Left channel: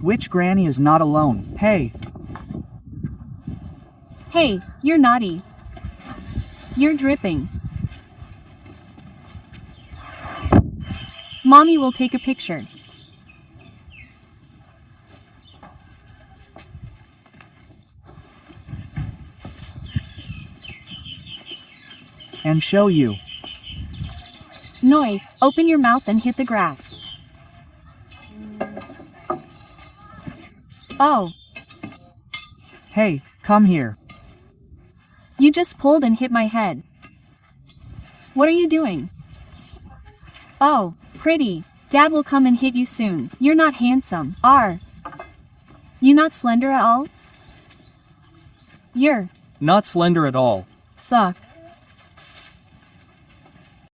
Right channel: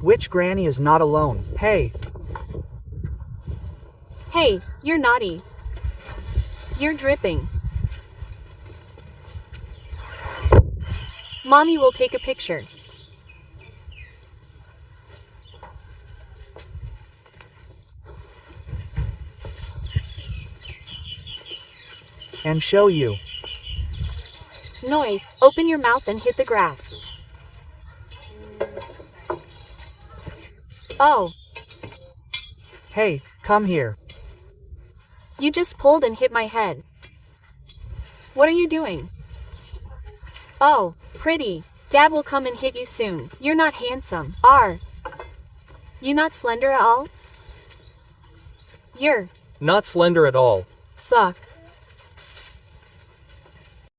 Which granny is not alone? Hey, Hey, you're naughty. You're dripping. Mommy will take a picture. and show you. Noi, open your mouth and hit the grass. Oh, Hey, come here. you just pulled and hit my head. What are you doing? Oh, pretty. Dad will come and hit you soon. You're not handsome. Are you not slender at all? You're Not slender at all. suck.